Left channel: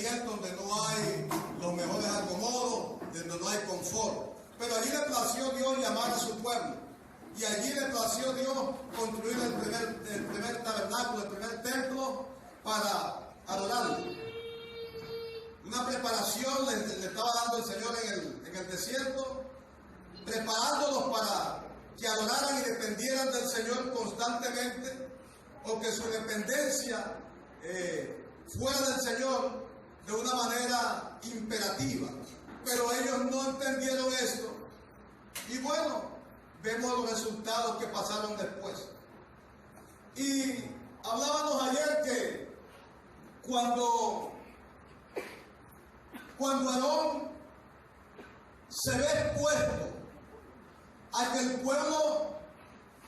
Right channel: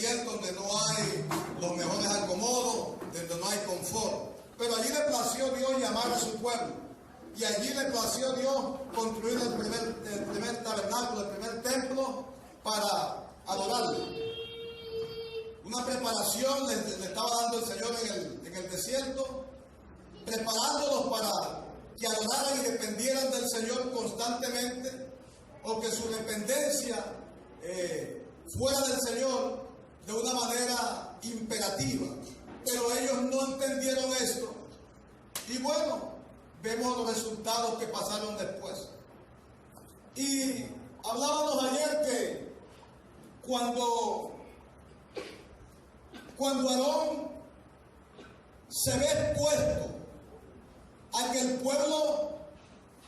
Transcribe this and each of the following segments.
desierto donde no hay los mejores acomodos, donde no hay confort. Pero allí le plació Dios llamar a su pueblo. Y allí le plació Dios construir el primer tabernáculo, el primer templo para adorarle. Una preparación le estaba dando el Señor en el desierto, preparándolos para que adoraran y dependieran del Señor constantemente, o que su dependencia fuera del Señor de una manera imperativa. Pero ellos no entendieron esto. Y bueno, vemos los resultados que pasaron después. Y hablábamos ayer que cuando Aarón se ve expuesto a que el pueblo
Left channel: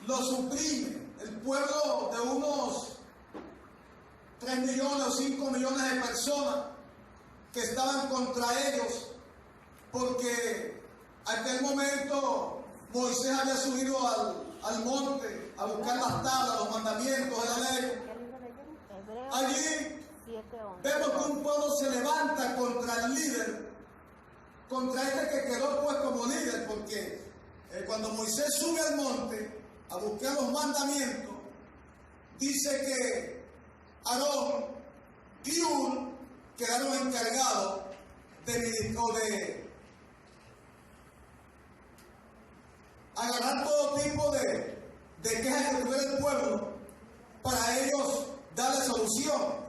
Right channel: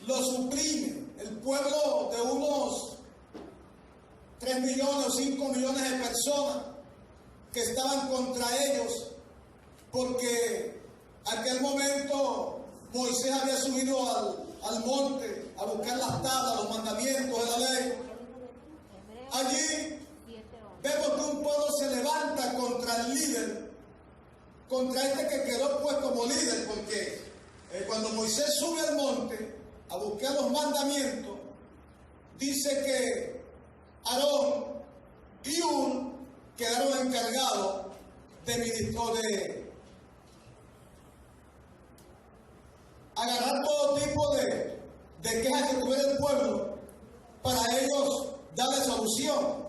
lo suprime, el pueblo de unos 3 millones o 5 millones de personas que estaban contra ellos, porque en aquel momento Moisés había subido al monte a buscar las tablas, los mandamientos de la ley. Allí vemos que un pueblo se levanta contra el líder, contra este que quedó pues como líder, porque cuando Moisés sube al monte a buscar los mandamientos, dice que Aarón y Hur quedaron encargados de agarrar todo tipo de quejas que tuviera el pueblo para ellos darle solución.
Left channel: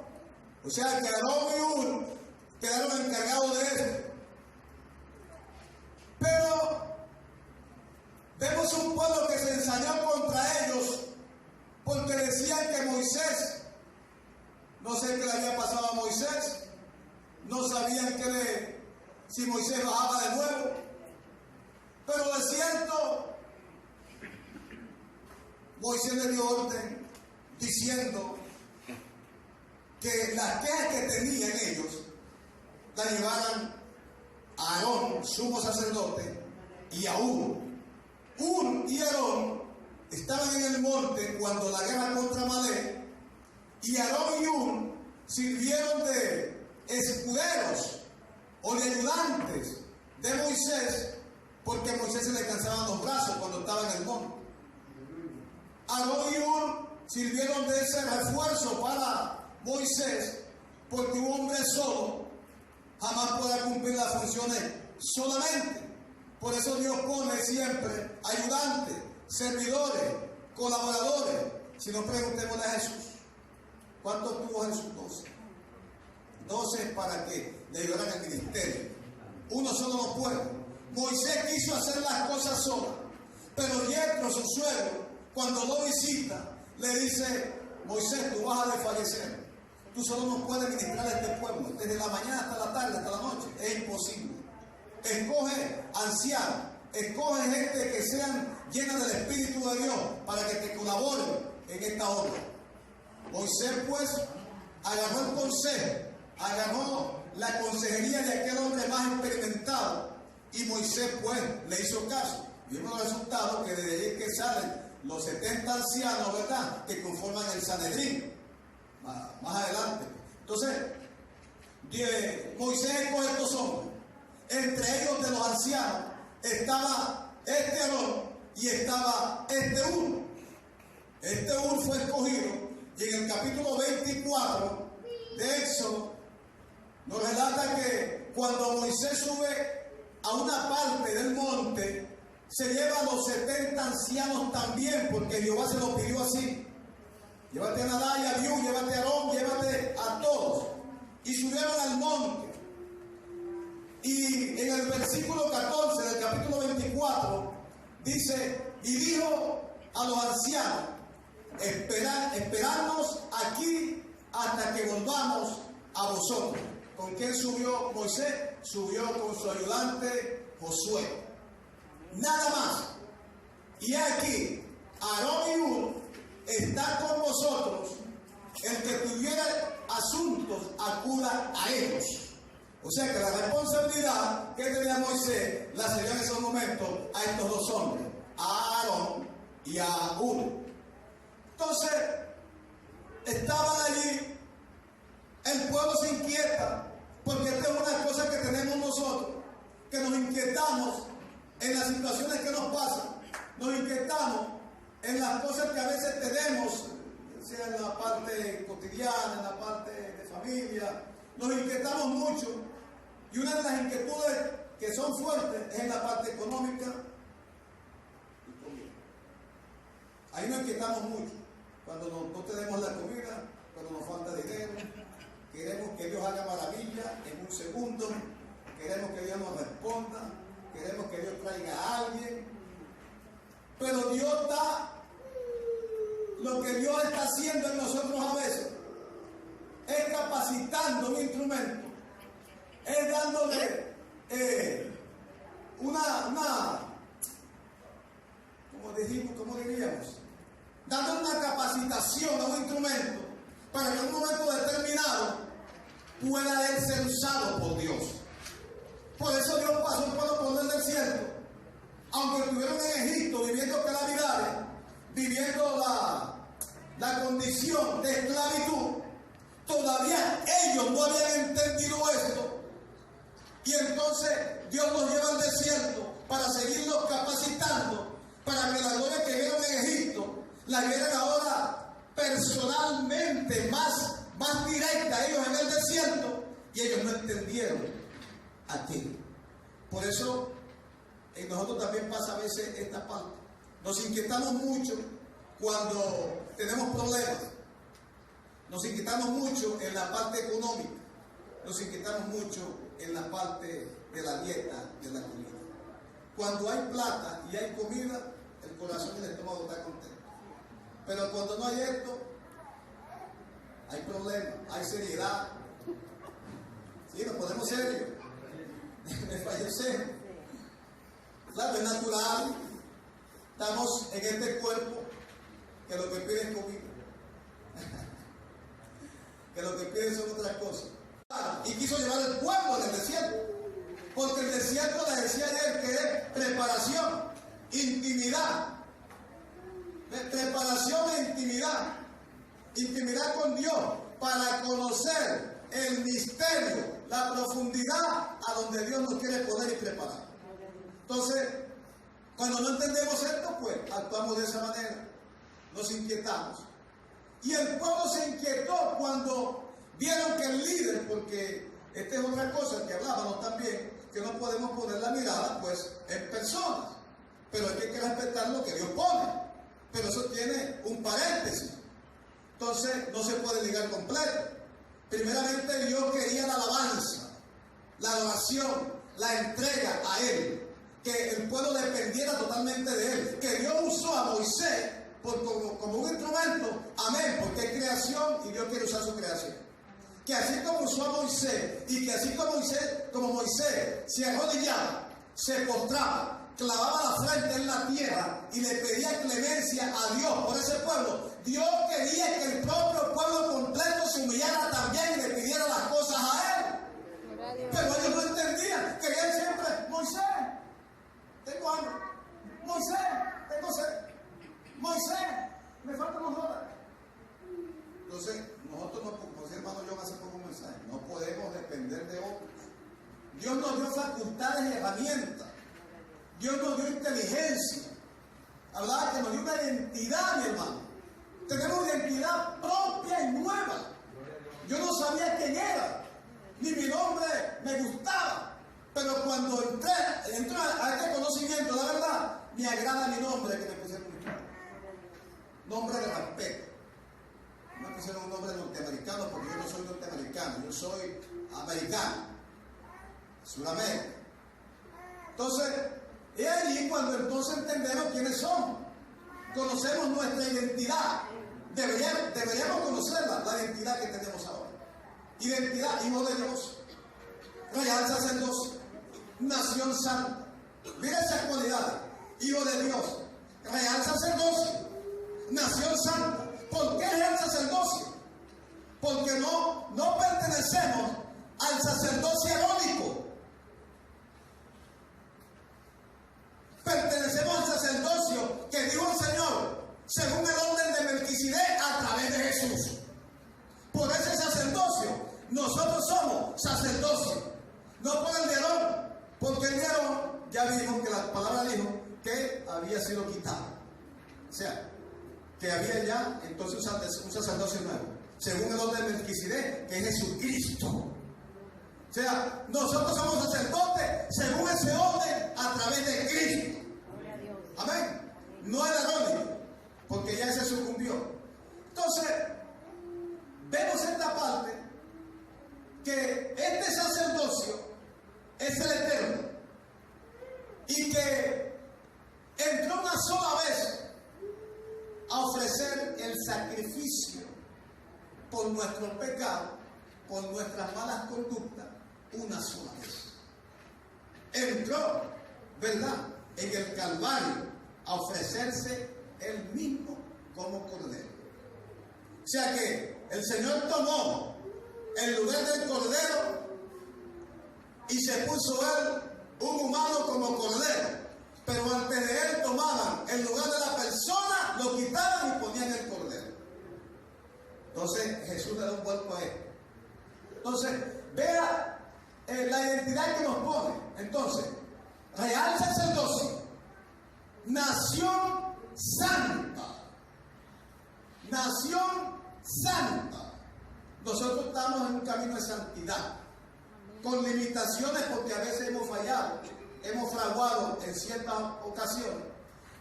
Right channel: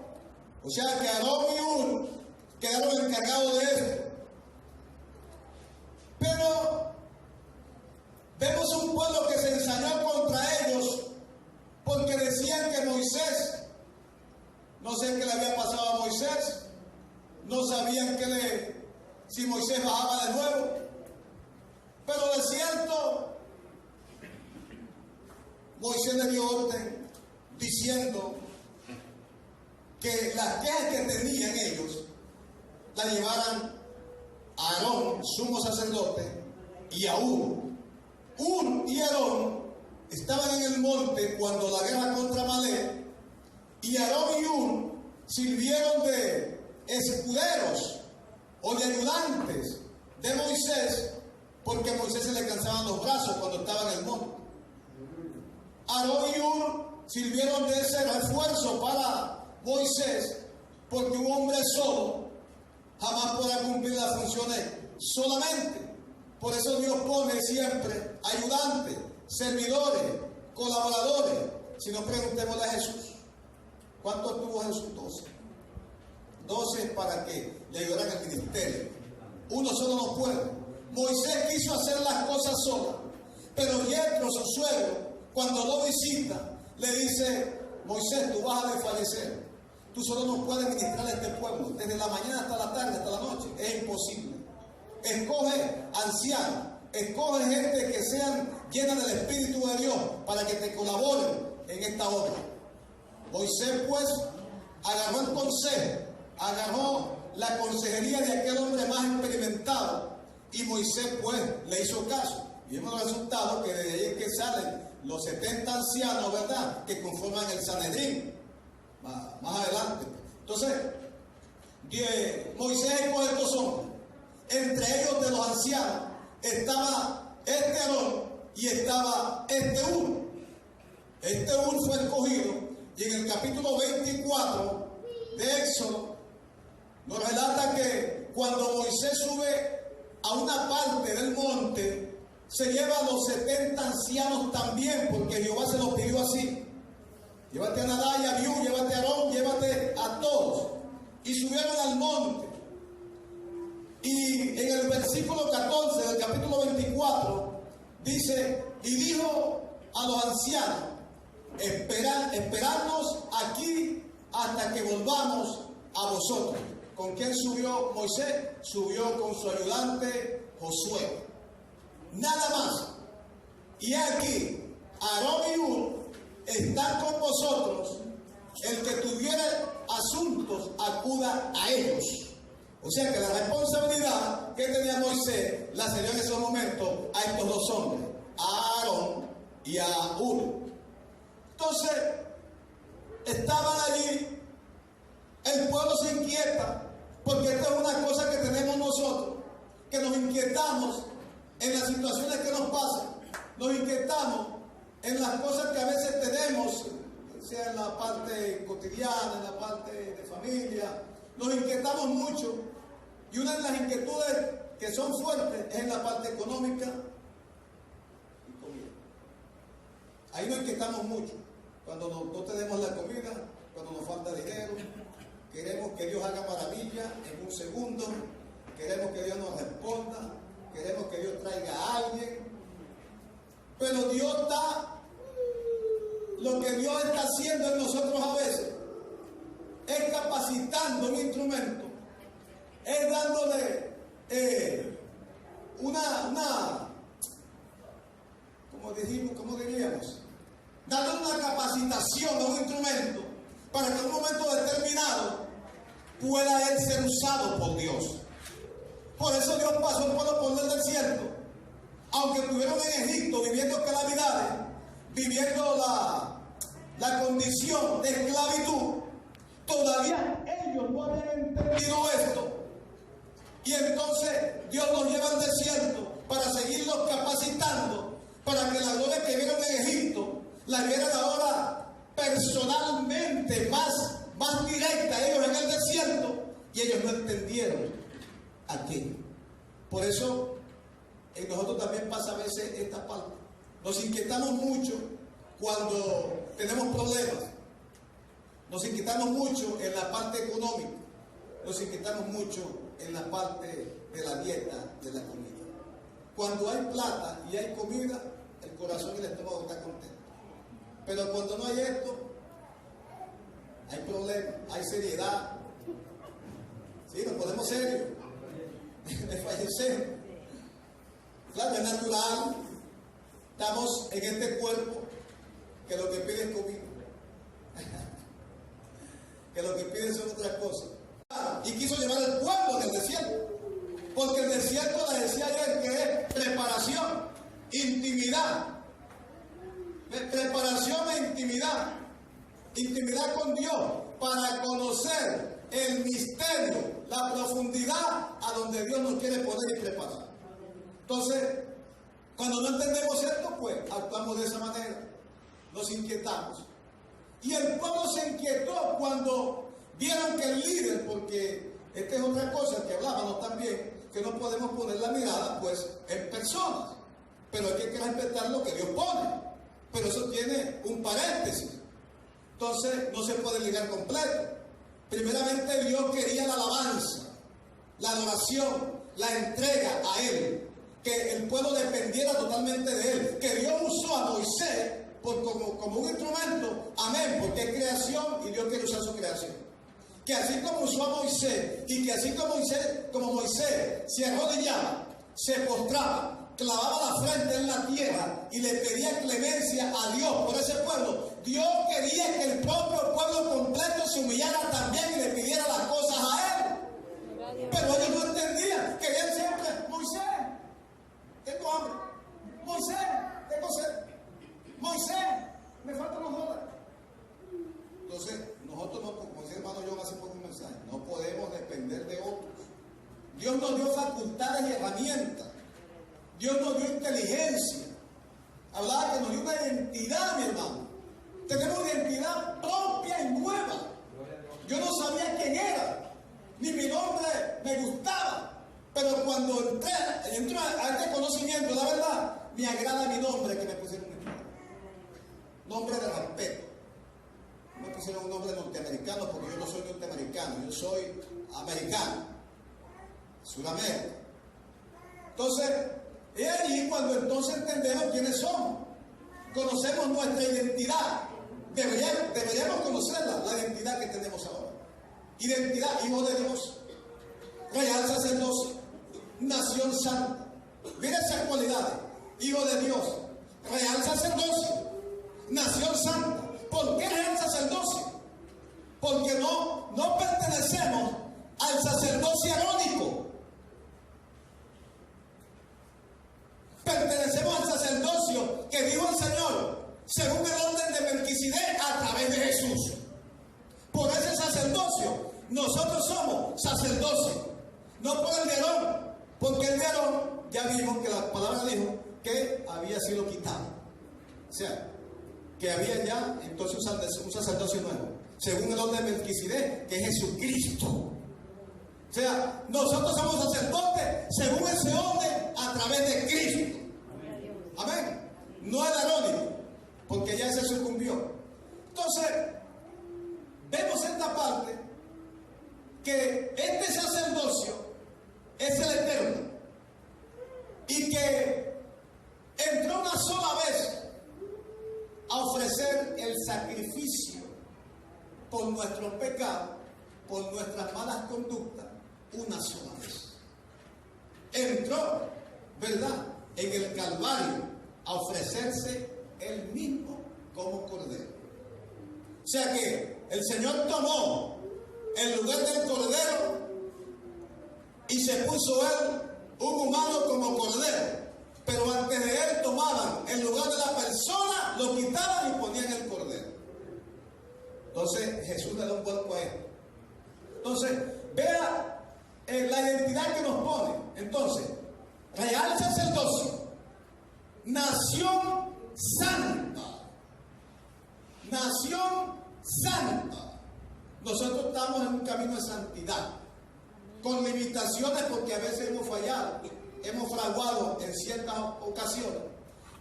O sea que Aarón y Hur quedaron encargados de esto. Pero vemos un pueblo que se ensañó contra ellos porque decían que Moisés, no sé qué le había pasado a Moisés, no sabían si Moisés bajaba de nuevo. Pero de cierto, Moisés le dio orden diciendo que las quejas que tenían ellos las llevaran a Aarón, sumo sacerdote, y a Hur. Hur y Aarón estaban en el monte cuando la guerra contra Amalek, y Aarón y Hur sirvieron de escuderos o de ayudantes de Moisés, porque a Moisés se le cansaban los brazos cuando estaba en el monte. Aarón y Hur sirvieron de ese refuerzo para Moisés, porque un hombre solo jamás podrá cumplir las funciones solamente. Por eso Dios pone siempre ayudantes, servidores, colaboradores. Si no, preguntémosle a Jesús, ¿cuántos tuvo Jesús? 12. 12 para que le ayudaran al ministerio. Uno solo no puede. Moisés quiso hacer las cosas sola, pero Yetro, su suegro, cuando lo visita, le dice: Moisés, tú vas a desfallecer. Tú solo no puedes ministrar a este pueblo desde la mañana hasta la tarde, hasta la noche. Es imposible. Escoge ancianos, escoge gente que sean llenas del Espíritu de Dios para que te colaboren en esta obra. Moisés pues agarró el consejo, agarró la consejería de aquel hombre más experimentado, y Moisés pues le hizo caso. Vimos los resultados, que de ahí es que salen los 70 ancianos, ¿verdad?, que conforman el Sanedrín más adelante. Entonces Moisés escoge estos hombres. Entre ellos, de los ancianos, estaba este Aarón y estaba este Hur. Este Hur fue escogido, y en el capítulo 24 de Éxodo nos relata que cuando Moisés sube a una parte del monte, se lleva a los 70 ancianos también, porque Jehová se lo pidió así: llévate a Nadab y a Abiú, llévate a Aarón, llévate a todos. Y subieron al monte. Y en el versículo 14 del capítulo 24 dice: y dijo a los ancianos: esperadnos aquí hasta que volvamos a vosotros. ¿Con quién subió Moisés? Subió con su ayudante Josué. Nada más. Y aquí, Aarón y Hur están con vosotros. El que tuviera asuntos, acuda a ellos. O sea que la responsabilidad que tenía Moisés la cedió en esos momentos a estos dos hombres, a Aarón y a Hur. Entonces, estaban allí, el pueblo se inquieta, Porque esta es una cosa que tenemos nosotros, que nos inquietamos en las situaciones que nos pasan, nos inquietamos en las cosas que a veces tenemos, sea en la parte cotidiana, en la parte de familia, nos inquietamos mucho, y una de las inquietudes que son fuertes es en la parte económica y comida. Ahí nos inquietamos mucho, cuando no tenemos la comida, cuando nos falta dinero, queremos que Dios haga maravilla en un segundo, queremos que Dios nos responda, queremos que Dios traiga a alguien, pero Dios da lo que Dios está haciendo en nosotros a veces, es capacitando un instrumento, es dándole ¿cómo diríamos? Dándole una capacitación a un instrumento para que en un momento determinado pueda él ser usado por Dios. Por eso Dios pasó por los pueblos del desierto, aunque estuvieron en Egipto viviendo calamidades, viviendo la condición de esclavitud, todavía ellos no habían entendido esto. Y entonces Dios los lleva al desierto para seguirlos capacitando, para que la gloria que vieron en Egipto la vieran ahora personalmente, más directa, ellos en el desierto, y ellos no entendieron aquello. Por eso en nosotros también pasa a veces esta parte. Nos inquietamos mucho cuando tenemos problemas. Nos inquietamos mucho en la parte económica. Nos inquietamos mucho en la parte de la dieta, de la comida. Cuando hay plata y hay comida, el corazón y el estómago están contentos. Pero cuando no hay esto, hay problemas, hay seriedad. Sí, nos ponemos serios. Desfallecemos. Claro, es natural. Estamos en este cuerpo que lo que pide es comida. Que lo que piden son otras cosas. Y quiso llevar el pueblo del desierto. Porque el desierto, les decía ayer, que es preparación, intimidad. Preparación e intimidad. Intimidad con Dios para conocer el misterio, la profundidad a donde Dios nos quiere poner y preparar. Entonces, cuando no entendemos esto, pues actuamos de esa manera. Nos inquietamos. Y el pueblo se inquietó cuando vieron que el líder, porque esta es otra cosa que hablábamos también, que no podemos poner la mirada pues en personas, pero hay que respetar lo que Dios pone, pero eso tiene un paréntesis, entonces no se puede ligar completo. Primeramente Dios quería la alabanza, la adoración, la entrega a Él, que el pueblo dependiera totalmente de Él, que Dios usó a Moisés como un instrumento, amén, porque es creación y Dios quiere usar su creación. Que así como usó a Moisés, y que así como Moisés se arrodillaba, se postraba, clavaba la frente en la tierra y le pedía clemencia a Dios por ese pueblo, Dios quería que el propio pueblo completo se humillara también y le pidiera las cosas a Él. Pero ellos no entendían, querían siempre: Moisés, tengo hambre; Moisés, tengo sed; Moisés, me faltan los dólares. Entonces, nosotros no, como decía el hermano John hace poco un mensaje, no podemos depender de otros. Dios nos dio facultades y herramientas. Dios nos dio inteligencia. Hablaba que nos dio una identidad, mi hermano. Tenemos una identidad propia y nueva. Yo no sabía quién era, ni mi nombre me gustaba. Pero cuando entro a este conocimiento, la verdad, me agrada mi nombre que me pusieron mi padre. Nombre de respeto. No me pusieron un nombre norteamericano porque yo no soy norteamericano, yo soy americano, Sudamérica. Entonces, es allí cuando entonces entendemos quiénes somos, conocemos nuestra identidad. Deberíamos conocerla, la identidad que tenemos ahora. Identidad: hijo de Dios, real sacerdocio, nación santa. Mira esas cualidades: hijo de Dios, real sacerdocio, nación santa. ¿Por qué real sacerdocio? Porque no pertenecemos al sacerdocio arónico. Pertenecemos al sacerdocio que dijo el Señor, según el orden de Melquisedec, a través de Jesús. Por ese sacerdocio nos nosotros somos sacerdocio, no por el de Aarón, porque el de Aarón ya vimos que la palabra dijo que había sido quitado. O sea, que había ya entonces un sacerdocio nuevo, según el orden de Melquisedec, que es Jesucristo. O sea, nosotros somos sacerdotes según ese orden a través de Cristo. Amén. No el arónico, porque ya se sucumbió. Entonces, vemos esta parte que este sacerdocio es el eterno y que entró una sola vez a ofrecer el sacrificio por nuestros pecados, por nuestras malas conductas, una sola vez. Entró, ¿verdad?, en el Calvario a ofrecerse él mismo como cordero. O sea que el Señor tomó el lugar del cordero y se puso él un humano como cordero. Pero antes de él tomaban el lugar de la persona, lo quitaban y ponían el cordero. Entonces Jesús le da un cuerpo a él. Entonces, vea la identidad que nos pone. Entonces, real sacerdocio, nación santa. Nación santa. Nosotros estamos en un camino de santidad, con limitaciones porque a veces hemos fallado, hemos fraguado en ciertas ocasiones,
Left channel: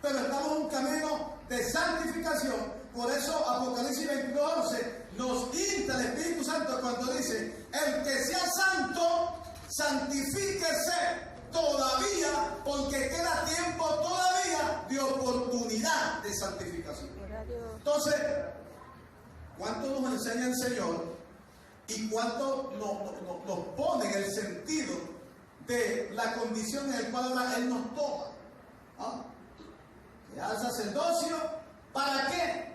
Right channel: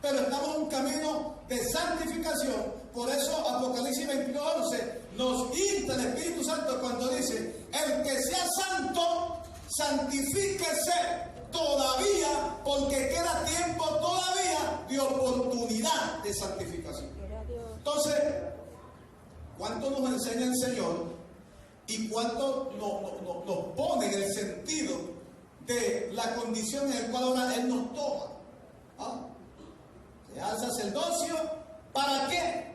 pero estamos en un camino de santificación. Por eso Apocalipsis 22:11 nos insta el Espíritu Santo cuando dice: el que sea santo, santifíquese todavía, porque queda tiempo todavía de oportunidad de santificación. Entonces, ¿cuánto nos enseña el Señor y cuánto nos pone en el sentido de la condición en la cual ahora Él nos toma? ¿Ah? Real sacerdocio, ¿para qué?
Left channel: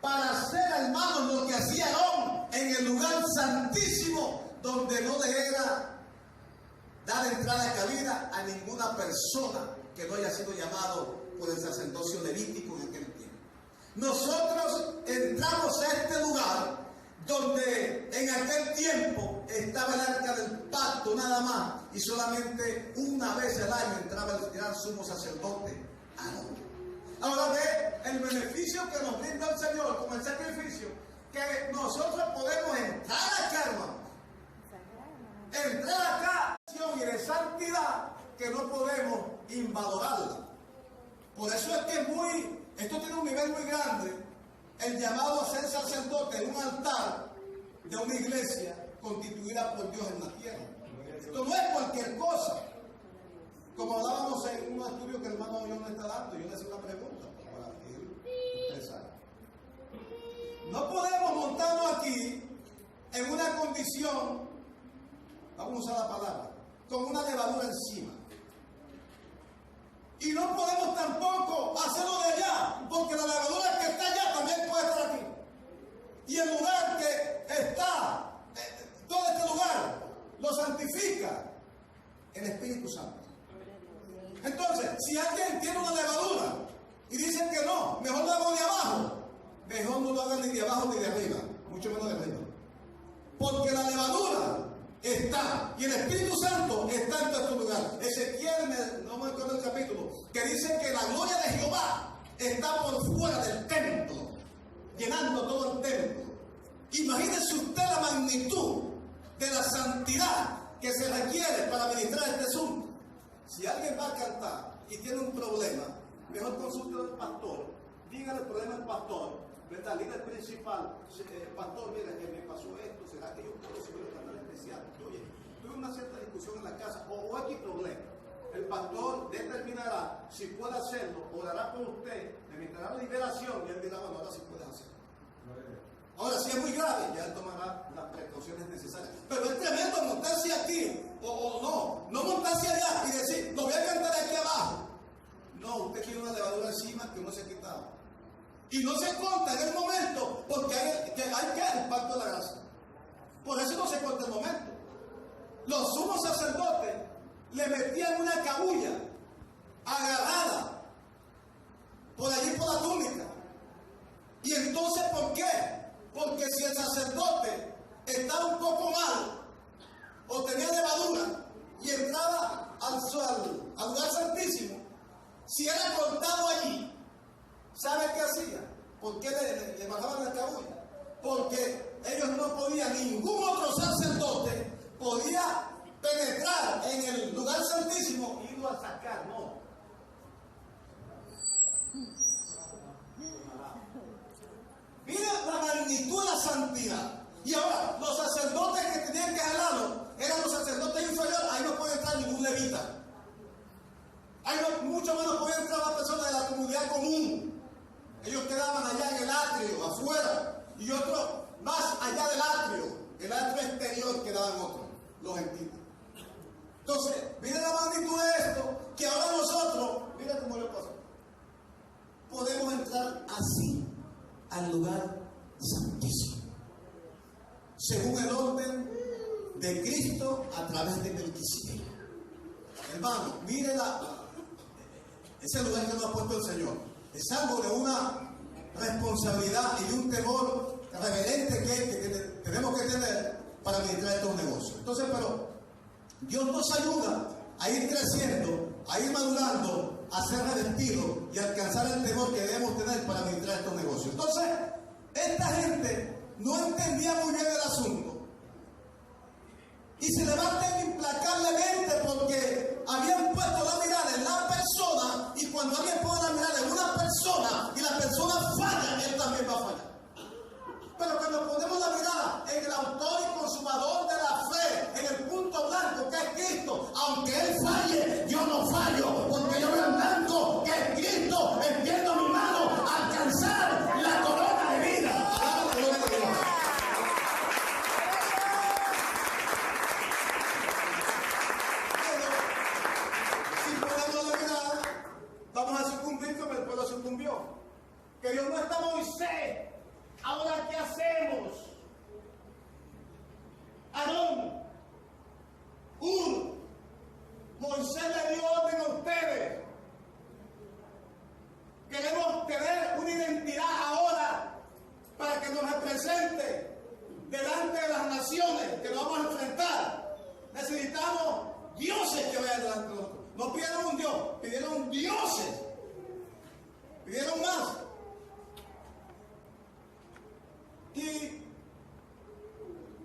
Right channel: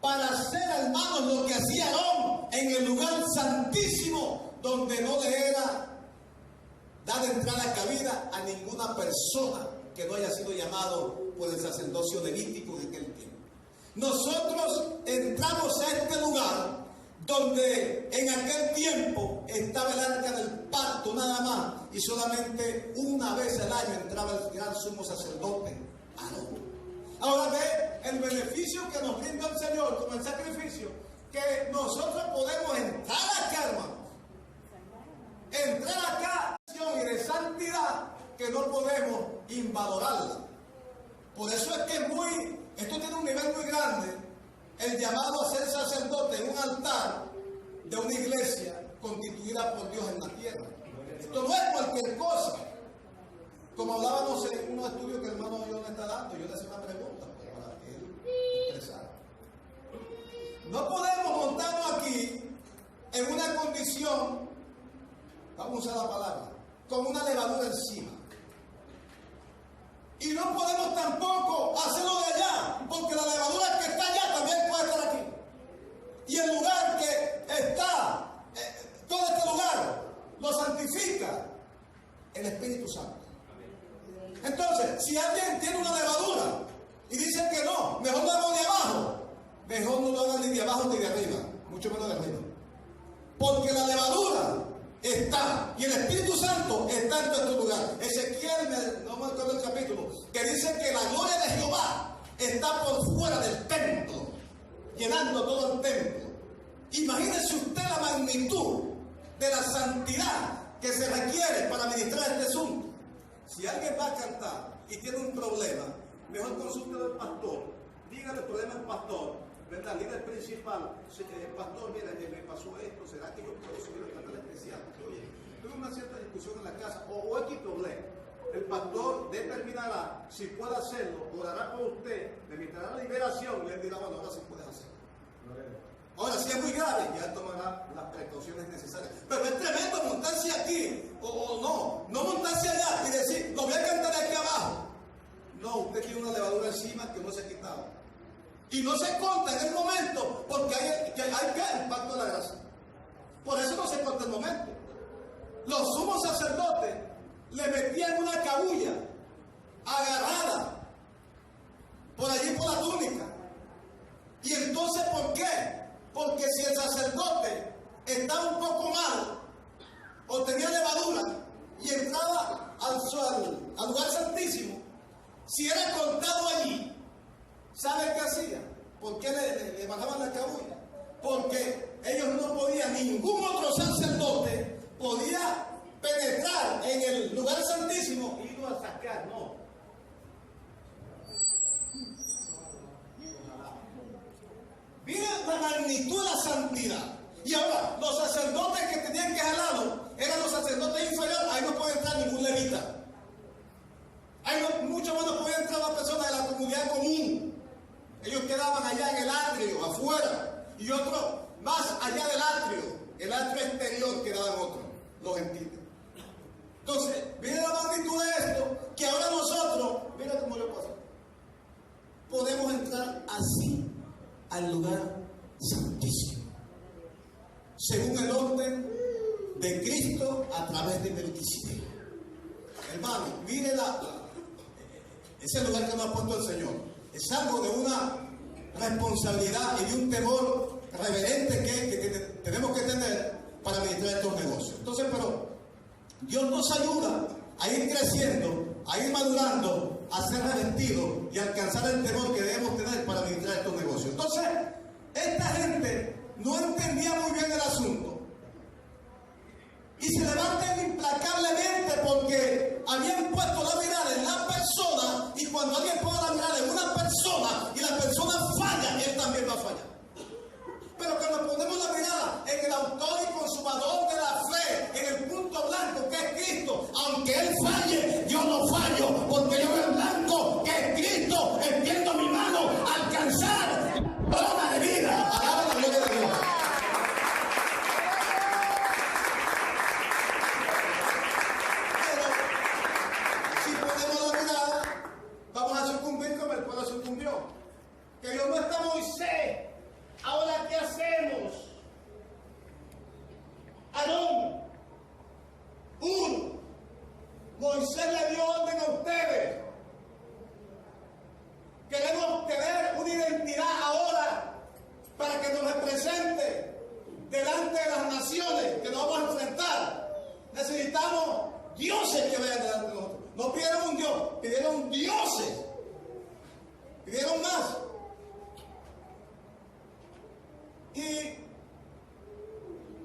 Para hacer, hermanos, lo que hacía Aarón en el lugar santísimo, donde no le era dar entrada cabida a ninguna persona que no haya sido llamado por el sacerdocio levítico en aquel tiempo. Nosotros entramos a este lugar donde en aquel tiempo estaba el arca del pacto nada más, y solamente una vez al año entraba el gran sumo sacerdote Aarón. Ahora ve el beneficio que nos brinda el Señor como el sacrificio, que nosotros podemos entrar acá, hermanos. Entrar acá y de santidad que no podemos invalorarla. Por eso es que esto tiene un nivel muy grande, el llamado a ser sacerdote en un altar de una iglesia constituida por Dios en la tierra. Esto no es cualquier cosa. Como hablábamos en unos estudios que el hermano John me está dando, yo le hacía una pregunta para que él expresara. No podemos montarnos aquí en una condición, vamos a usar la palabra, con una levadura encima. Y no podemos tampoco hacerlo de allá, porque la levadura que está allá también puede estar aquí. Y el lugar que está, todo este lugar, lo santifica el Espíritu Santo. Entonces, si alguien tiene una levadura y dice que no, mejor lo hago de abajo, mejor no lo haga ni de abajo ni de arriba, mucho menos de arriba. Porque la levadura está, y el Espíritu Santo está en todo este lugar. Ezequiel, no me acuerdo el capítulo, que dice que la gloria de Jehová está por fuera del templo, llenando todo el templo. Imagínese usted la magnitud de la santidad que se requiere para ministrar este asunto. Si alguien va a cantar y tiene un problema, mejor consulte al pastor, dígale el problema al pastor, ¿verdad? Líder principal, pastor, mire, me pasó esto, ¿será que yo puedo subir al canal especial? Porque, oye, tuve una cierta discusión en la casa, o X problema. El pastor determinará si puede hacerlo, orará por usted, le meterá la liberación, y él dirá, bueno, ahora sí puedes hacerlo. Ahora, si es muy grave, ya él tomará las precauciones necesarias. Pero es tremendo montarse aquí, o no montarse allá y decir, lo voy a cantar aquí abajo. No, usted tiene una levadura encima que no se ha quitado. Y no se corta en el momento, porque hay que el pacto de la gracia. Por eso no se corta el momento. Los sumos sacerdotes le metían una cabulla agarrada por allí por la túnica. Y entonces, ¿por qué? Porque si el sacerdote estaba un poco mal, los gentiles. Entonces, mire la magnitud de esto, que ahora nosotros, mira cómo le pasa, podemos entrar así al lugar santísimo, según el orden de Cristo a través de Melquisedec. Hermano, mire ese lugar que nos ha puesto el Señor. Es algo de una responsabilidad y de un temor reverente que tenemos que tener para administrar estos negocios. Entonces, pero Dios nos ayuda a ir creciendo, a ir madurando, a ser revestidos y a alcanzar el temor que debemos tener para administrar estos negocios. Entonces, esta gente no entendía muy bien el asunto y se levantan implacablemente porque habían puesto la mirada en la persona, y cuando alguien pone la mirada en una persona y la persona falla, él también va a fallar. Pero cuando ponemos la mirada en el autor y consumador de la fe, en el punto blanco que es Cristo, aunque él falle, yo no fallo, porque yo veo el blanco que es Cristo, extiendo mi mano a alcanzar la corona de vida. Alaba la gloria de Dios. Pero si ponemos la mirada, vamos a sucumbir como el pueblo sucumbió. Que Dios no está Moisés. Ahora, ¿qué hacemos? Aarón, Moisés le dio orden a ustedes. Queremos tener una identidad ahora para que nos represente delante de las naciones que nos vamos a enfrentar. Necesitamos dioses que vean delante de nosotros. No pidieron un Dios, pidieron dioses. Pidieron más. Y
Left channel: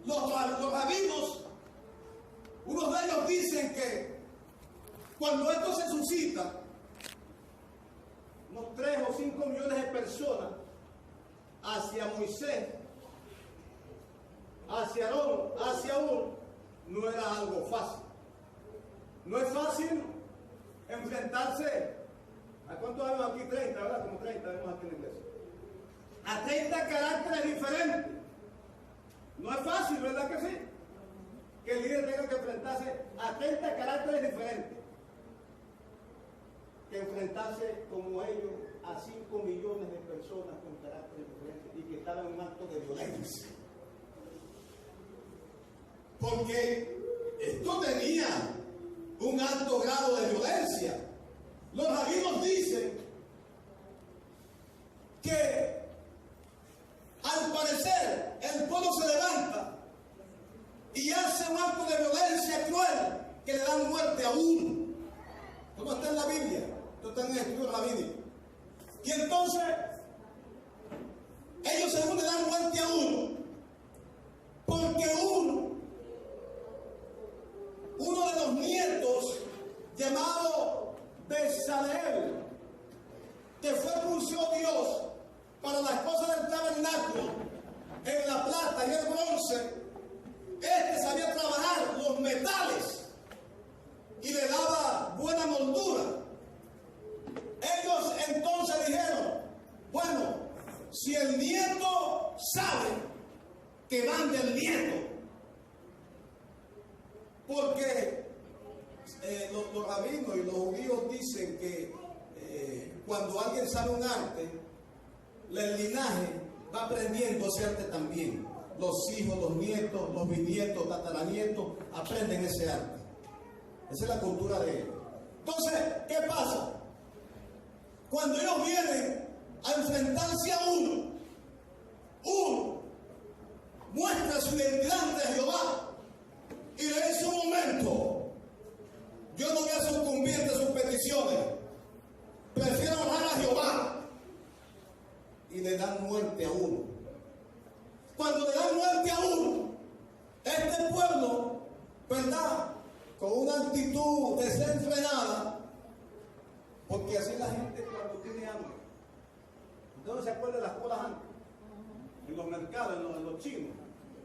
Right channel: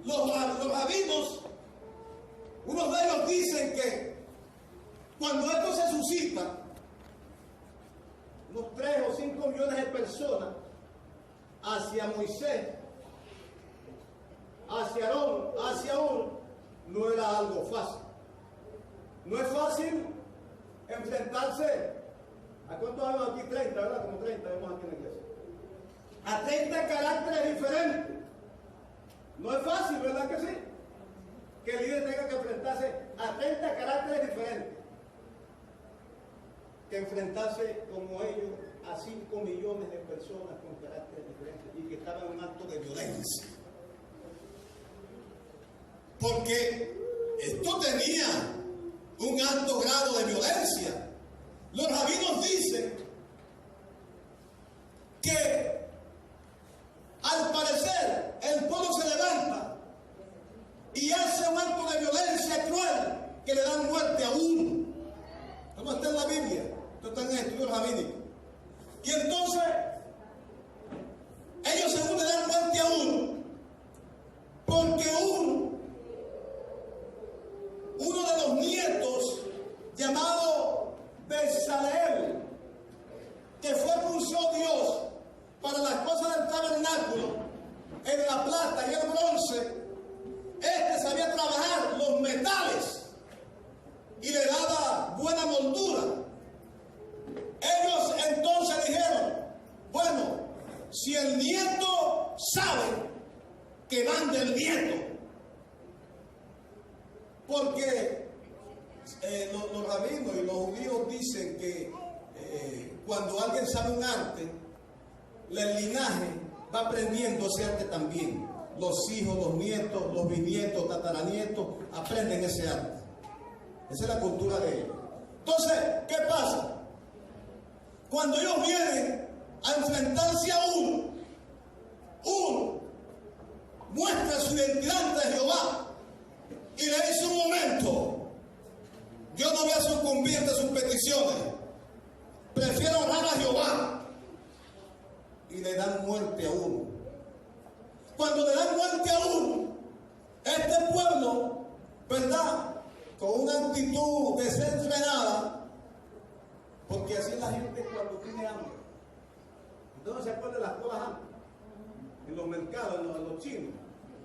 los rabinos, unos de ellos dicen que cuando esto se suscita, unos 3 o 5 millones de personas hacia Moisés, hacia Aarón, hacia no era algo fácil. No es fácil enfrentarse. ¿A cuántos vemos aquí? 30, ¿verdad? Como 30 vemos aquí en la iglesia. A 30 caracteres diferentes. No es fácil, ¿verdad que sí? Que el líder tenga que enfrentarse a 30 caracteres diferentes. Que enfrentarse como ellos a 5 millones de personas con caracteres diferentes y que estaban en un acto de violencia. Porque esto tenía un alto grado de violencia. Los rabinos dicen que al parecer el pueblo se levanta y hace un acto de violencia cruel que le dan muerte a uno. ¿Cómo está en la Biblia? Esto está en el estudio rabínico. Y entonces ellos según le dan muerte a uno porque uno de los nietos llamado Bezaleel, que fue pulsó Dios para las cosas del tabernáculo, en la plata y el bronce, sabía trabajar los metales y le daba buena moldura. Ellos entonces dijeron, bueno, si el nieto sabe, que mande el nieto. Porque los rabinos y los judíos dicen que cuando alguien sabe un arte, el linaje va aprendiendo ese arte también. Los hijos, los nietos, los bisnietos, tataranietos aprenden ese arte. Esa es la cultura de ellos. Entonces, ¿qué pasa? Cuando ellos vienen a enfrentarse a uno muestra su identidad ante Jehová y le dice: un momento, yo no voy a sucumbir ante sus peticiones, prefiero honrar a Jehová, y le dan muerte a uno. Cuando le dan muerte a uno, este pueblo, ¿verdad?, con una actitud desenfrenada, porque así la gente cuando tiene hambre. Entonces se acuerdan de las colas antes, en los mercados, en los chinos.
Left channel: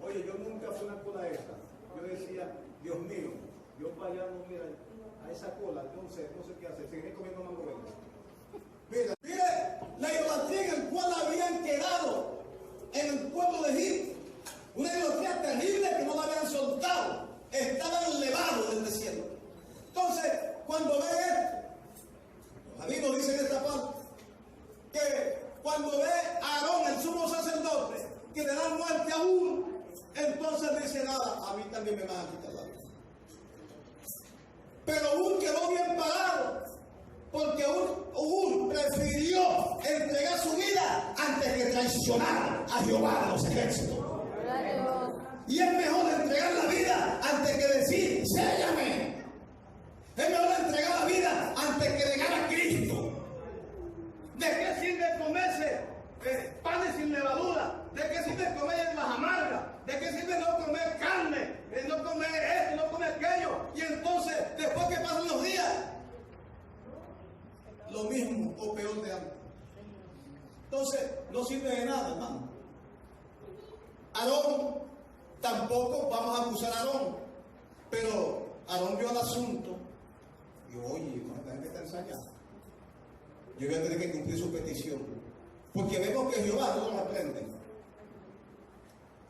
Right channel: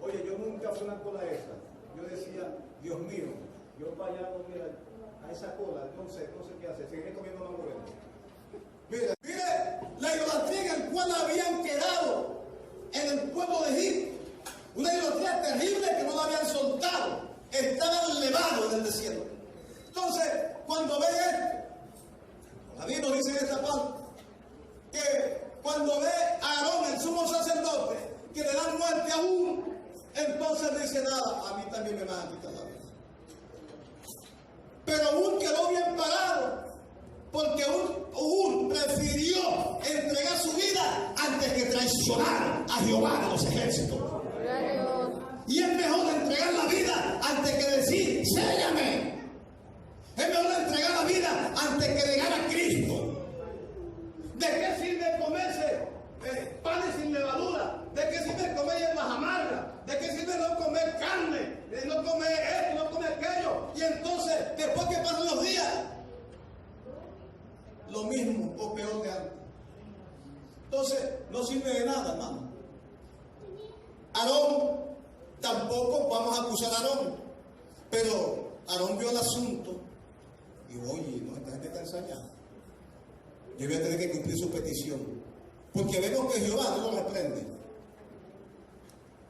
Oye, yo nunca fui a una cola esa. Yo decía, Dios mío, yo para allá no, mira, a esa cola, no sé qué hacer, seguiré comiendo mango verde. Mire, la idolatría en la cual habían quedado en el pueblo de Egipto, una idolatría terrible que no la habían soltado, está cuando ve esto, David nos dice en esta parte, que cuando ve a Aarón, el sumo sacerdote, que le dan muerte a uno, entonces dice nada, a mí también me van a quitar la vida. Pero Hur quedó bien parado, porque Hur prefirió entregar su vida antes que traicionar a Jehová de los ejércitos. Y es mejor entregar la vida antes que decir, séllame. Es mejor entregar la vida antes que negar a Cristo. ¿De qué sirve comerse panes sin levadura? ¿De qué sirve comer hierbas amargas? ¿De qué sirve no comer carne? No comer esto, no comer aquello. Y entonces, después que pasan los días, lo mismo o peor de antes. Entonces, no sirve de nada, hermano. Aarón, tampoco vamos a acusar a Aarón. Pero Aarón vio el asunto. Dijo, oye, no, esta gente está ensañada. Yo voy a tener que cumplir su petición. Porque vemos que Jehová no lo reprende.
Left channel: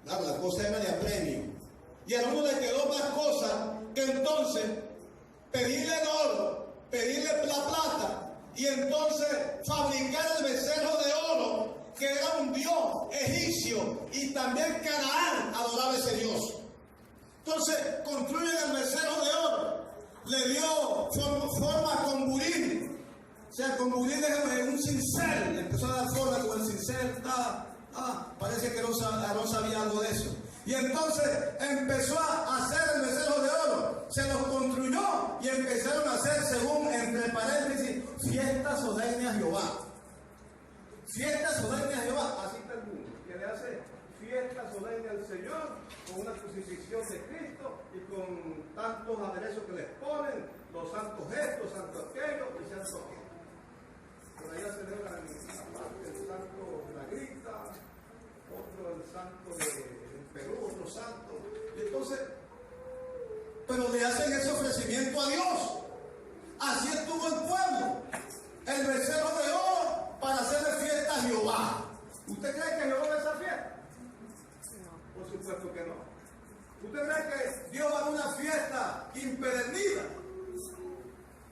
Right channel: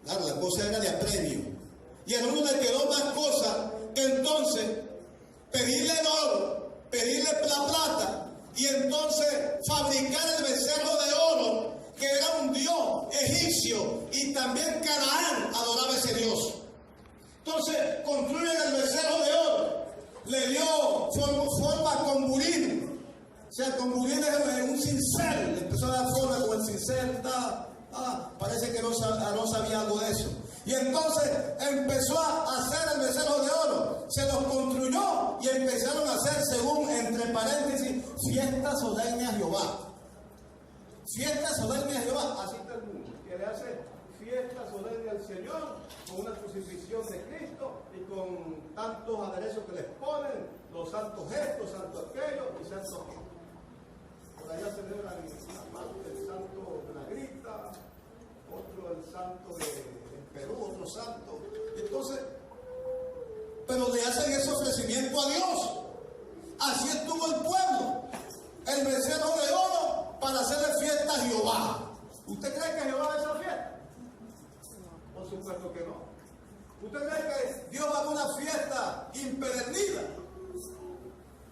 Claro, la cosa era de apremio. Y a uno le quedó más cosa que entonces pedirle el oro, pedirle la plata y entonces fabricar el becerro de oro, que era un dios egipcio, y también Canaán adoraba ese dios. Entonces construyen el becerro de oro, le dio forma con burín. O sea, con burín es un cincel, le empezó a dar forma con el cincel. Parece que Aarón sabía algo de eso. Y entonces empezó a hacer el becerro de oro, se los construyó y empezaron a hacer, según entre paréntesis, fiestas solemnes a Jehová. Fiestas solemnes a Jehová, así está el mundo, que le hace fiestas solemnes al Señor con una crucifixión de Cristo y con tantos aderezos que les ponen, los santos gestos, santo aquello y santo aquello. Por allá celebran una parte del santo de la Grita, otro el santo de Perú, otro santo. Y entonces, pero le hacen ese ofrecimiento a Dios. Así estuvo el pueblo, el becerro de oro para hacerle fiesta a Jehová. ¿Usted cree que Jehová va a esa fiesta? No. Por supuesto que no. ¿Usted cree que Dios va a una fiesta impedernida?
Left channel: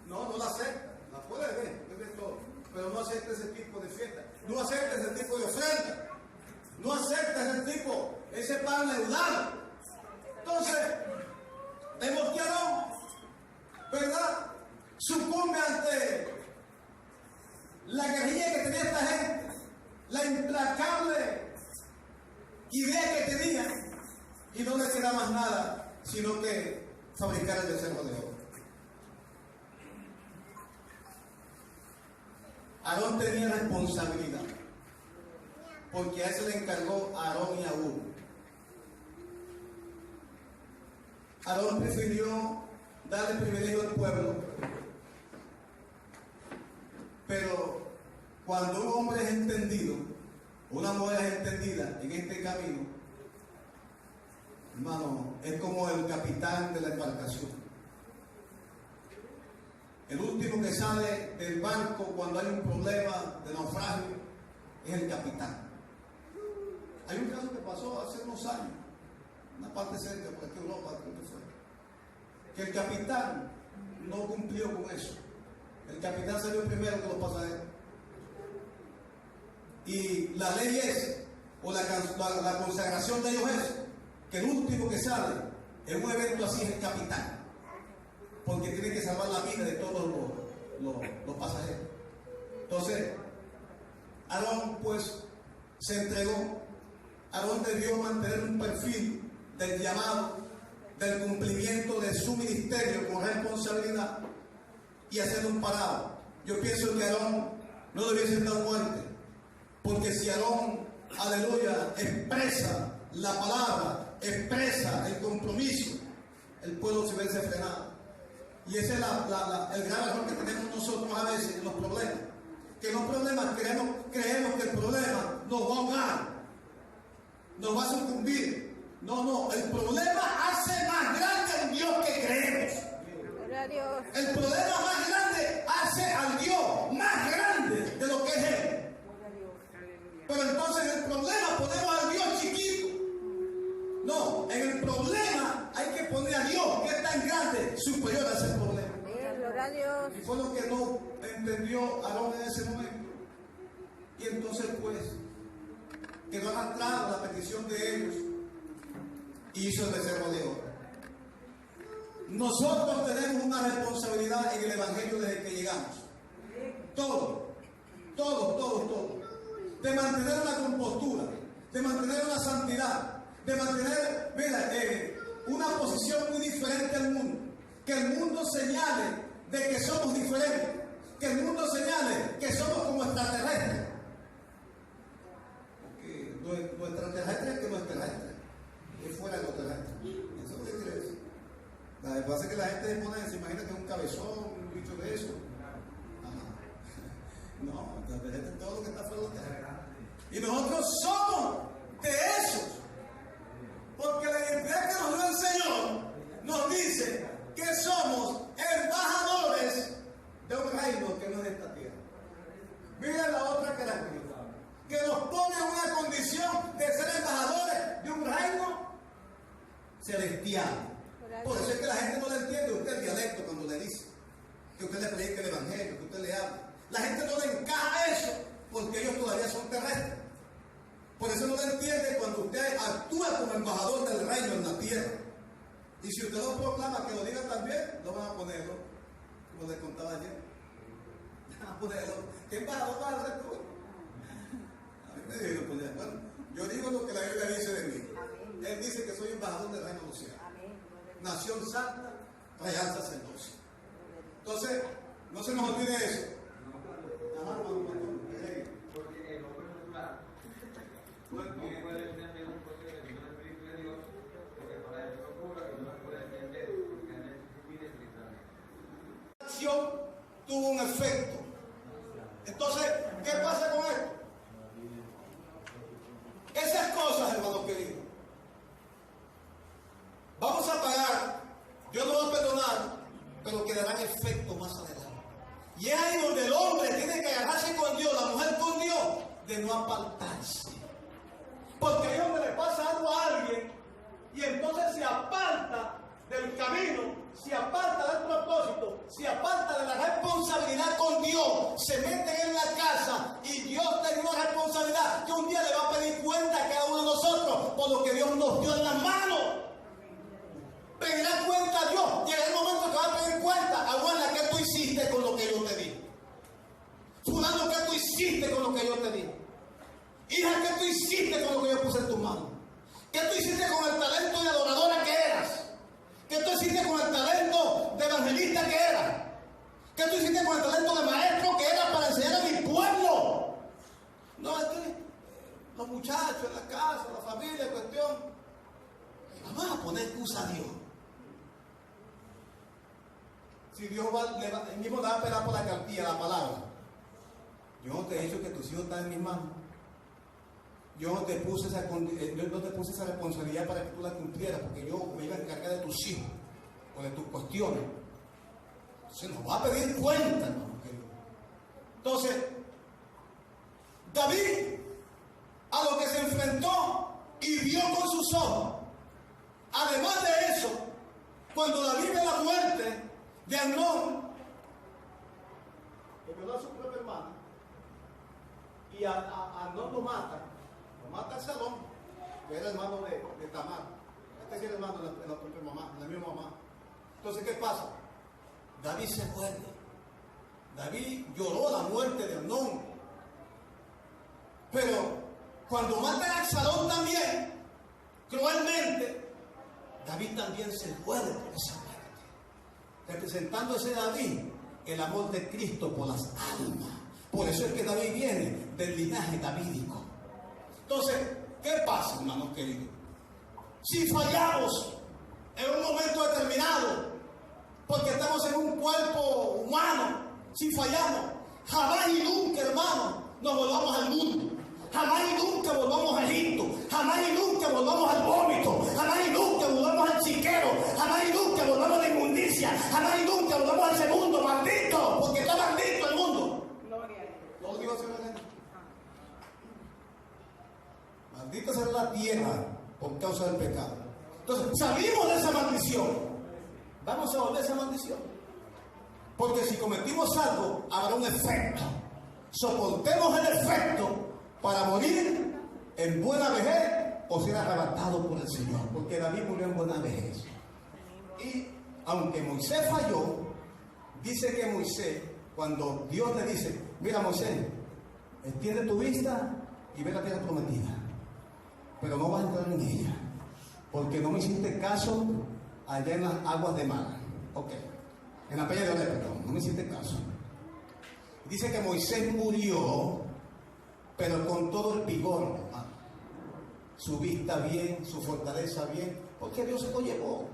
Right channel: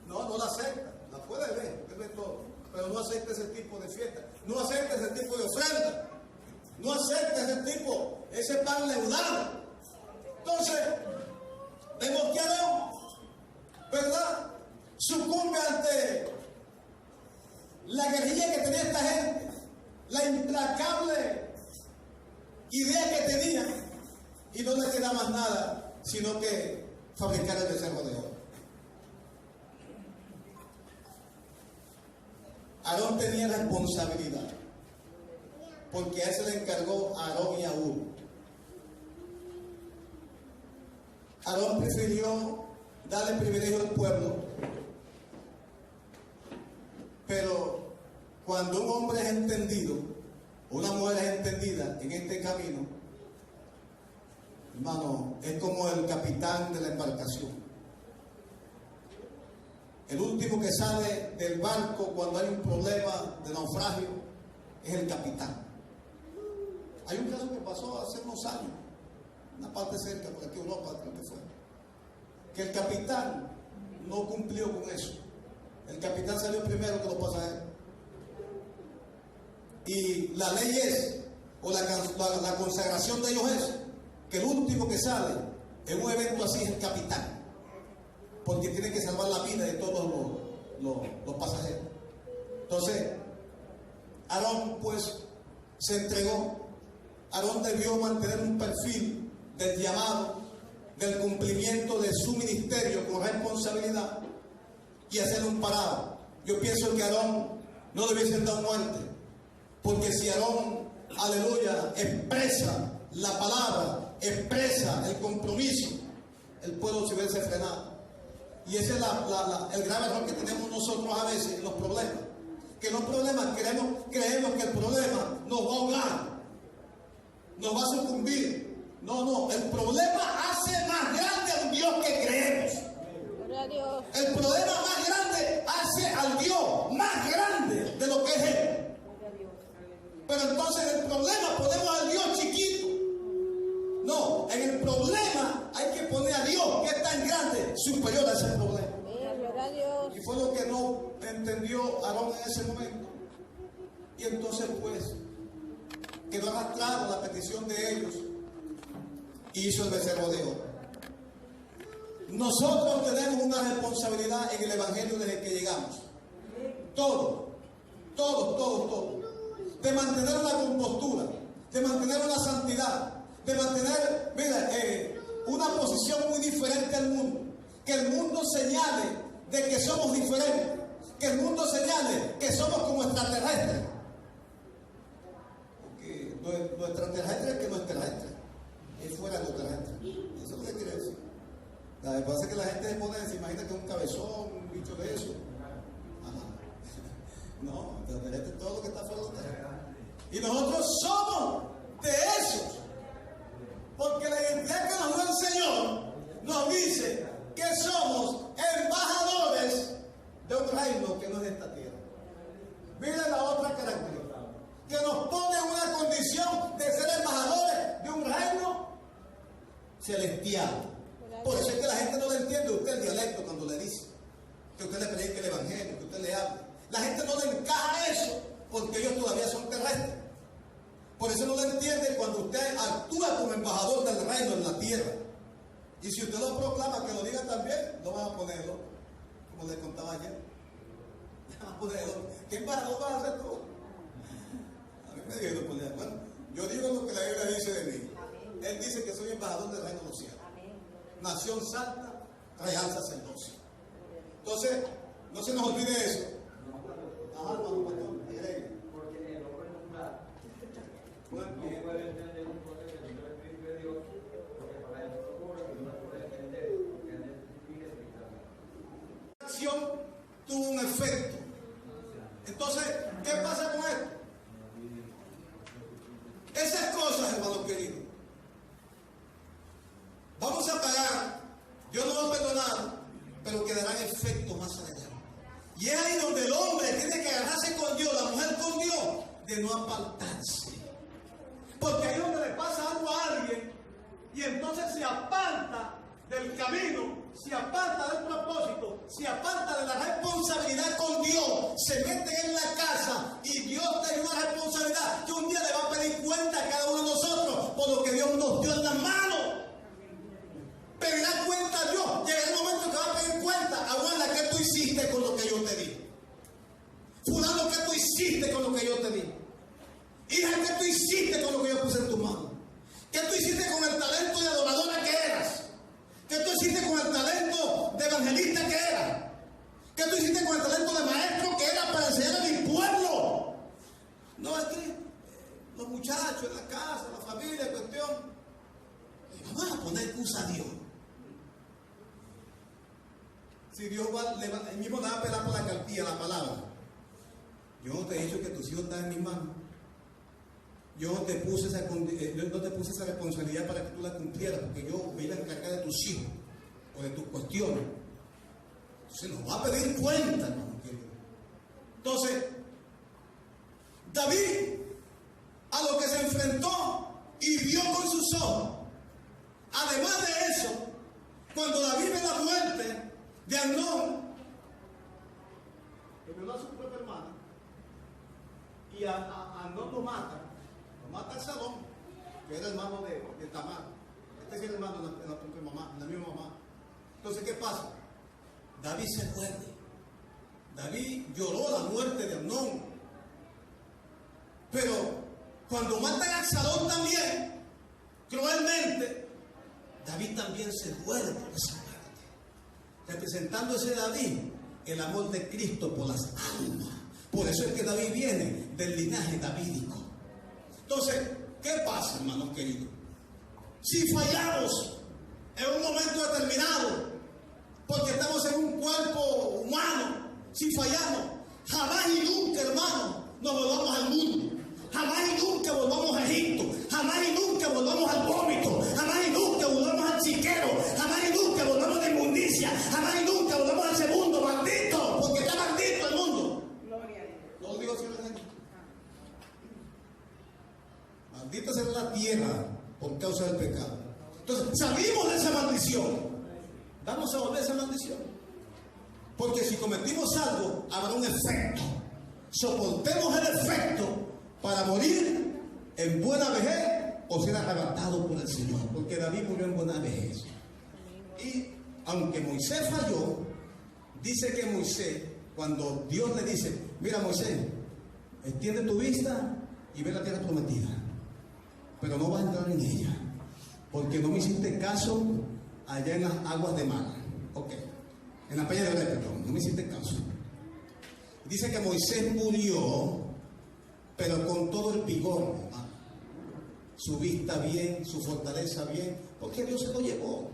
No, no la acepta. La puede ver, usted ve todo, pero no acepta ese tipo de fiesta. No acepta ese tipo de ofrenda. No acepta ese pan leudado. Entonces, vemos que Aarón, ¿verdad?, sucumbe ante la guerrilla que tenía esta gente, la implacable idea que tenía, y no le queda más nada sino que fabricar el becerro de oro. Aarón tenía responsabilidad, porque a eso le encargó a Aarón y a Hur. Aarón prefirió darle privilegio al pueblo, pero cuando un hombre es entendido, una mujer es entendida en este camino, hermano, es como el capitán de la embarcación. El último que sale del barco cuando hay un problema de naufragio es el capitán. Hay un caso que pasó hace unos años, una parte cerca, por aquí Europa, creo que fue, que el capitán no cumplió con eso. El capitán salió primero que los pasajeros. Y la ley es, o la consagración de ellos es, que el último que sale en un evento así es el capitán, porque tiene que salvar la vida de todos los pasajeros. Entonces, Aarón pues se entregó. Aarón debió mantener un perfil del llamado, del cumplimiento de su ministerio con responsabilidad y hacer un parado. Yo pienso que Aarón no debiese dar muerte, porque si Aarón, aleluya, expresa la palabra, expresa el compromiso, el pueblo se hubiese frenado. Y ese es el gran error que tenemos nosotros a veces en los problemas. Que los problemas creemos que el problema nos va a ahogar, nos va a sucumbir. No, el problema hace más grande al Dios que creemos. Gloria a Dios. El problema más grande hace al Dios más grande de lo que es Él. Pero entonces en el problema ponemos al Dios chiquito. No, en el problema hay que poner a Dios, que es tan grande, superior a ese problema. Gloria a Dios. Y fue lo que no entendió Aarón en ese momento. Y entonces pues quedó arrastrado la petición de ellos y hizo el becerro de oro. Nosotros tenemos una responsabilidad en el Evangelio desde que llegamos. Todos, de mantener una compostura, de mantener una santidad, de mantener, una posición muy diferente al mundo. Que el mundo señale de que somos diferentes, que el mundo señale que somos como extraterrestres. Porque lo extraterrestre es que no es terrestre, es fuera de lo terrestre. Eso es lo que quiere decir. Lo que pasa es que la gente se imagina que es un cabezón, un bicho de eso. Ajá. No, extraterrestre es todo lo que está fuera de lo terrestre. Y nosotros somos de esos. Porque la identidad que nos dio el Señor nos dice que somos embajadores de un reino que no es de esta tierra. Miren la otra característica, que nos pone en una condición de ser embajadores de un reino celestial. Por eso es que la gente no le entiende a usted el dialecto cuando le dice que usted le predique el evangelio, que usted le hable. La gente no le encaja eso porque ellos todavía son terrestres. Por eso no le entiende cuando usted actúa como embajador del reino en la tierra. Y si usted lo proclama, que lo diga también, lo van a ponerlo, como les contaba ayer. Van a ponerlo. ¿Qué embajador vas a hacer tú? A mí me dijo, pues, bueno, yo digo lo que la Biblia dice de mí. Él dice que soy embajador del reino de los cielos. Nación santa, real sacerdocio. Entonces, no se nos olvide eso. Ajá, hermano, agregue. Porque el hombre natural no puede entender un proceso del Espíritu de Dios, porque para eso ocurre que no lo puede entender, porque él vive espiritualmente. La acción tuvo un efecto. Entonces, ¿qué pasa con esto? Esas cosas, hermano querido, vamos a pagar, Dios nos va a perdonar, pero quedarán efectos más adelante. Y es ahí donde el hombre tiene que agarrarse con Dios, la mujer con Dios, de no apartarse. Porque ahí es donde le pasa algo a alguien y entonces se aparta del camino, se aparta del propósito, se aparta de la responsabilidad con Dios, se meten en la casa y Dios tiene una responsabilidad que un día le va a pedir cuenta a cada uno de nosotros por lo que Dios nos dio en las manos. Pedirá cuenta a Dios. Llega el momento que va a pedir cuenta. Abuela, ¿qué tú hiciste con lo que yo te di? Fulano, ¿qué tú hiciste con lo que yo te di? Hija, ¿qué tú hiciste con lo que yo puse en tus manos? ¿Qué tú hiciste con el talento de adoradora que eras? ¿Qué tú hiciste con el talento de evangelista que eras? ¿Qué tú hiciste con el talento de maestro que eras para enseñar a mi pueblo? No, es que los muchachos en la casa, la familia, cuestión. Vamos a poner excusa a Dios. Si Dios él mismo le va a pelar por la cartilla, la palabra. Yo no te he dicho que tus hijos están en mis manos. Yo no te puse esa responsabilidad para que tú la cumplieras, porque yo me iba a encargar de tus hijos o de tus cuestiones. Se nos va a pedir cuenta, hermano querido. Entonces, David, a lo que se enfrentó y vio con sus ojos, además de eso, cuando David ve la muerte de Amnón, que violó a su propia hermana, y a Amnón lo mata Absalón, que era hermano de Tamar. Este sí era hermano de la propia mamá, de la misma mamá. Entonces, ¿qué pasa? David se muerde. David lloró la muerte de Amnón. Pero cuando matan a Absalón también, cruelmente, David también se duele por esa muerte, representando ese David el amor de Cristo por las almas. Por eso es que David viene del linaje davídico. Entonces, ¿qué pasa, hermanos queridos? Si fallamos en un momento determinado, porque estamos en un cuerpo humano, si fallamos, jamás y nunca, hermano, nos volvamos al mundo. Jamás y nunca volvamos a Egipto. Jamás y nunca volvamos al vómito. Jamás y nunca volvamos al chiquero. Jamás y nunca volvamos a la inmundicia. Jamás y nunca volvamos a ese mundo maldito. Porque está maldito el mundo. No lo digo así, ¿verdad? Maldita será la tierra por causa del pecado. Entonces, salimos de esa maldición. Vamos a volver a esa maldición. Porque si cometimos algo, habrá un efecto. Soportemos el efecto para morir en buena vejez o ser arrebatado por el Señor. Porque David murió en buena vejez. Y aunque Moisés falló, dice que Moisés, cuando Dios le dice, mira Moisés, extiende tu vista y ve la tierra prometida, pero no vas a entrar en ella, porque no me hiciste caso allá en las aguas de Mara. Ok, en la peña de Oreb, perdón, no me hiciste caso. Dice que Moisés murió, pero con todo el vigor, hermano. Su vista bien, su fortaleza bien, porque Dios se lo llevó.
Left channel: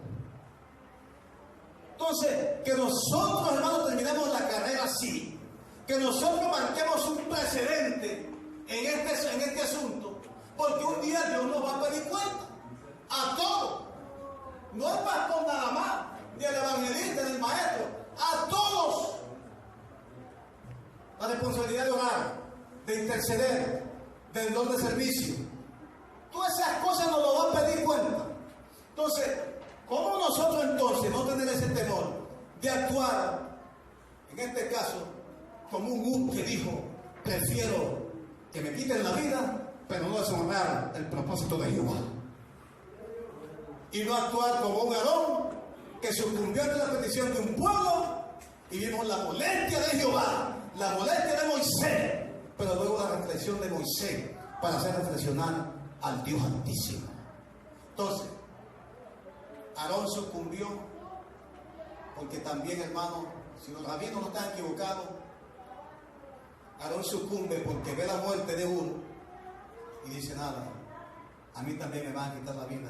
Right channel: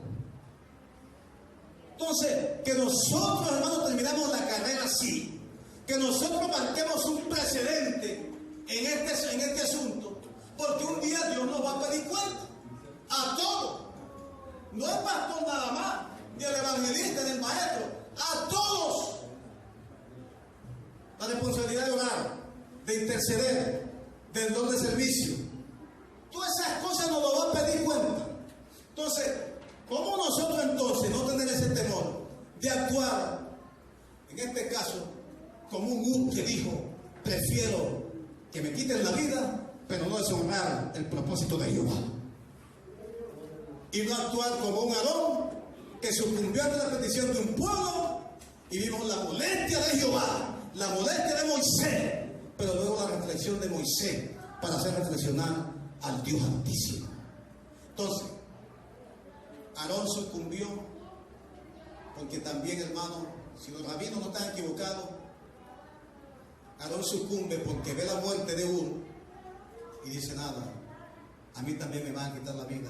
Entonces, que nosotros, hermanos, terminamos la carrera así, que nosotros marquemos un precedente en este asunto, porque un día Dios nos va a pedir cuenta a todos. No el pastor nada más, ni el evangelista, ni el maestro, a todos. La responsabilidad de orar, de interceder, del don de servicio. Todas esas cosas nos lo va a pedir cuenta. Entonces, ¿cómo nosotros entonces no tener ese temor de actuar, en este caso, como un que dijo, prefiero que me quiten la vida, pero no deshonrar el propósito de Jehová? Y no actuar como un Aarón que sucumbió ante la petición de un pueblo y vimos la molestia de Jehová, la molestia de Moisés, pero luego la reflexión de Moisés para hacer reflexionar al Dios Altísimo. Entonces, Aarón sucumbió porque también, hermano, si los rabinos no están equivocados, Aarón sucumbe porque ve la muerte de Ur y dice, nada, a mí también me van a quitar la vida.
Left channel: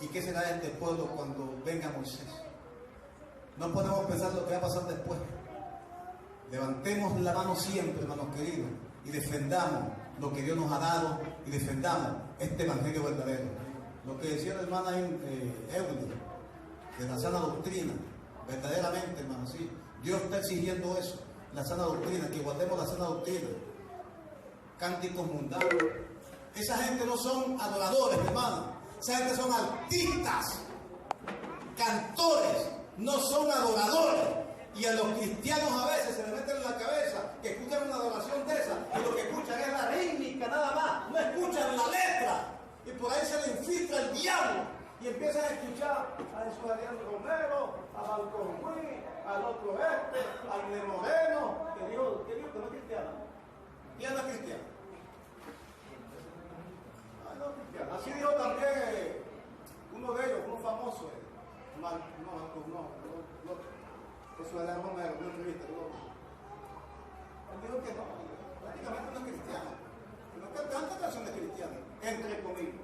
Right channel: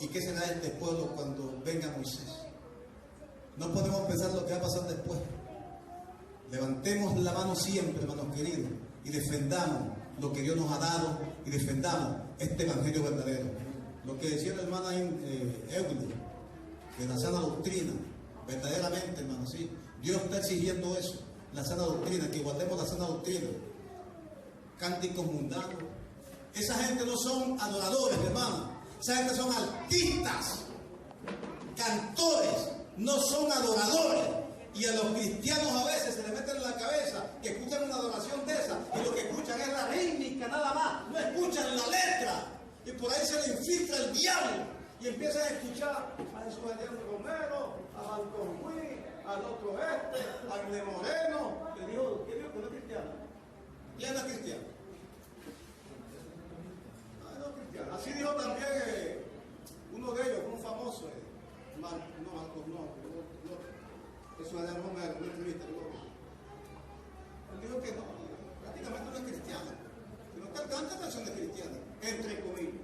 ¿Y qué será de este pueblo cuando venga Moisés? No podemos pensar lo que va a pasar después. Levantemos la mano siempre, hermanos queridos, y defendamos lo que Dios nos ha dado y defendamos este evangelio verdadero. Lo que decía la hermana Euler, de la sana doctrina, verdaderamente, hermano, sí, Dios está exigiendo eso, la sana doctrina, que guardemos la sana doctrina. Cánticos mundanos, esa gente no son adoradores, hermano, esa gente son artistas, cantores, no son adoradores. Y a los cristianos a veces se les meten en la cabeza que escuchan una adoración de esa y lo que escuchan es la rítmica nada más, no escuchan la letra. Y por ahí se le infiltra el diablo y empiezan a escuchar a Jesús Adrián Romero, a Balcón Ruiz, al otro a Inés Moreno, que dijo que no es cristiano. ¿Quién no es cristiano? No es cristiano. Así dijo también uno de ellos, uno famoso, Jesús Adrián Romero, una entrevista. Él dijo que no, prácticamente no es cristiano. No canta canciones cristianas, entre comillas.